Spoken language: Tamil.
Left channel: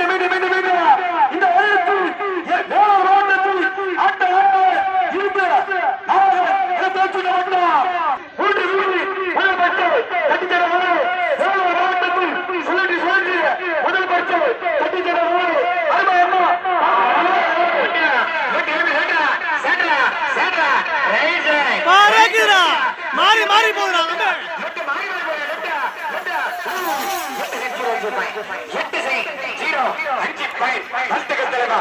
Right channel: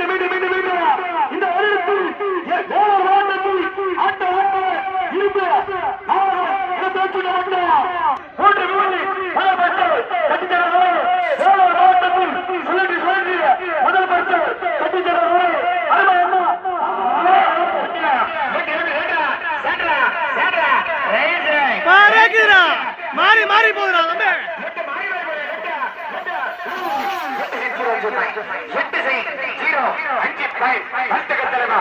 மீண்டும் மீண்டும் மீண்டும் மீண்டும் இந்த வயதில் வேளாண் வேண்டத்தில் ஆட்ட இருக்கு பேச்சு நடக்கிறார் மூன்று மூணு முதல் பட்டு கட்டித்தர மூணு வேளாண் மாவட்டத்தில் சுழற்றி சுழற்றி முதல் பட்டு கட்டித்தர மூணு அருமை அண்ணா பறக்குடா மாறி மாறி தம்பி எட்டு செய் ஹீரோ அஞ்சு பாயிண்ட் வர்த்தக தலைவா